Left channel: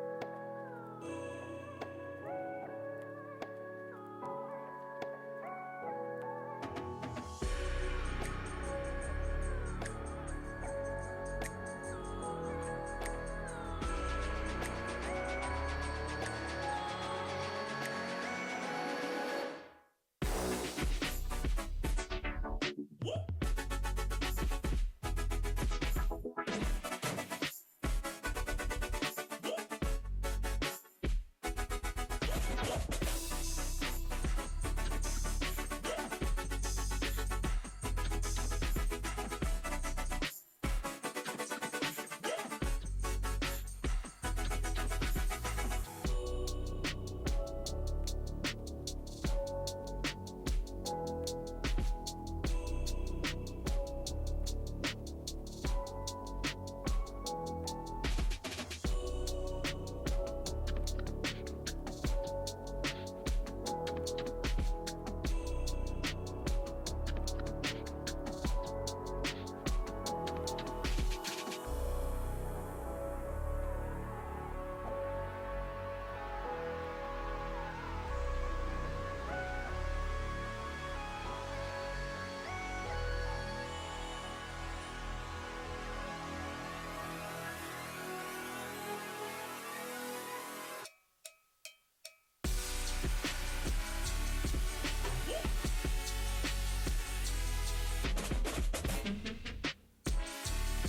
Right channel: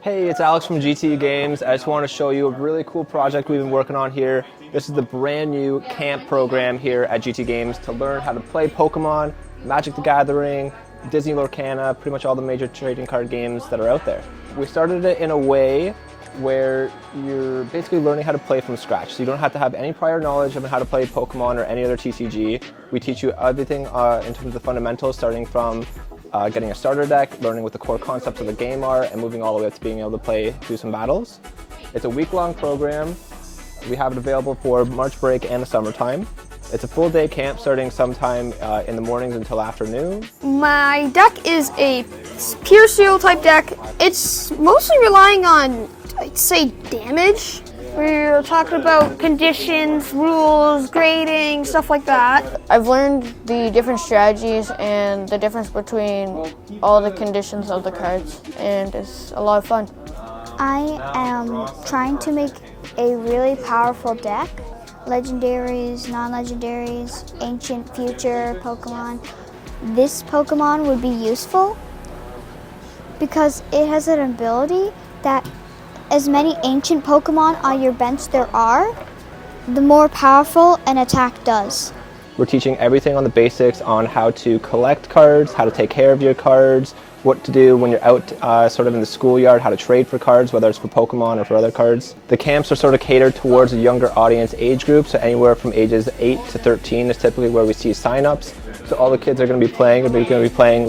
Hey, it's Alex from GTU Games. I just want to show you a really cool project we've been working on here. This is the brand new camp program here at GTU Games to learn how to play Pokemon, Magic the Gathering, Disney Lorcana, pretty much all the major trading card games that are out there. We started it in a way where you're basically learning how to play from scratch. So you don't have to have any prior knowledge of how to play Pokemon or any other TCG. We teach you everything in terms of the fundamentals, starting from getting a starter deck, learning what the core concepts of the game are, and moving all the way up to being able to play through some battles. It's a week-long program. We have it available for March break and the summertime. It's a full day camp starting sometime in the mornings until afternoon. My deck is a pure seal type deck. It's mostly relying on, I'd say, damage. We're talking about conditions, rules, grading, stuff like that. I've learned the different strategies and the difference between all the conditions of the cards, and it's a lot of fun. I am trying to make a really powerful deck. Legendaries, non-legendaries, ancient, future Pokemon. This Pokemon would be useful because it has an ability that as many ancient Pokemon on your bench there are, the more powerful an attack does. We're teaching everything on the basics on how to collect cards, how to take care of your cards, what to do when you're out sort of in the schoolyard, how to trade for cards, whether it's for Pokemon or for other cards. The camps are sort of catered towards a younger audience age group, so anywhere from ages 8 to 13 is typically where we see signups. So all the kids are going to be playing,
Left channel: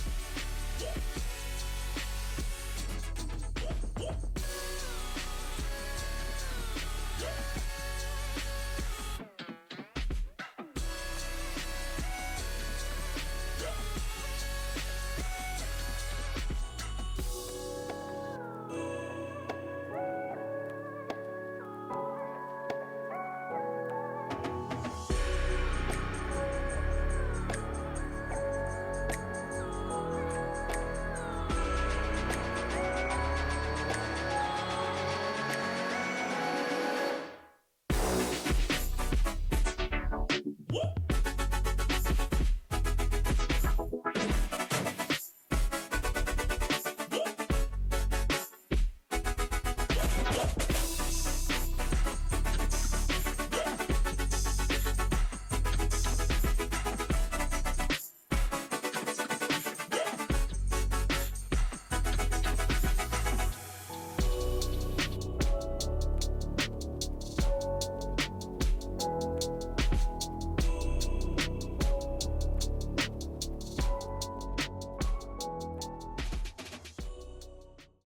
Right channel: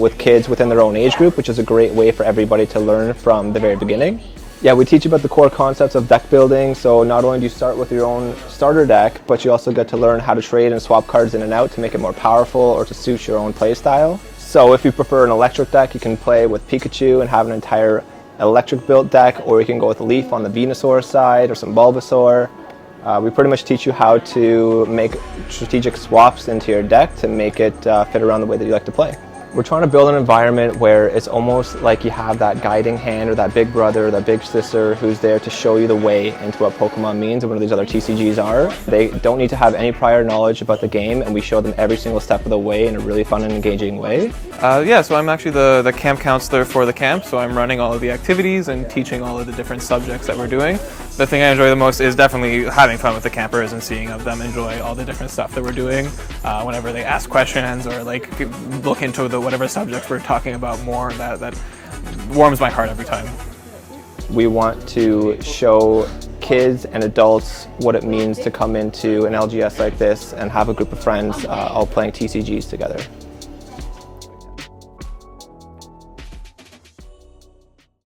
with kids within their own age group, which is a great way for everybody to learn from the very beginning. Yeah, we teach you about the core concepts of deck building, so not only do you start with your own starter deck, but you also get to learn how to trade and swap cards in and out to make it more powerful or to suit your own play style. So if you prefer an electric deck, you can play with Pikachu and have an entire electric built deck, or you can go with a Leaf on the Venusaur side or some Bulbasaur. We pretty much teach you how to make strategic swaps into your deck to make it fit around the way that you like to play. We're trying to build an environment where it's almost like you have that guiding hand or that big brother or that big sister who's there to show you the way into what Pokemon means and what these other TCGs are. They don't need to have any prior knowledge about the game, and we show them every single step of the way in a really fun and engaging way. So I'm actually the camp counselor for the camp, so I'm running all of the activities and teaching all of the different subjects that we're doing. The thing I enjoy the most is definitely having fun with the campers and seeing them enjoy all the different stuff that we're doing. Whenever they ask questions or like look into whatever subjects we're talking about more, that warms my heart every time. We want to show kids and adults what it means to come into an LGS like this and have a group of friends all playing TCGs together.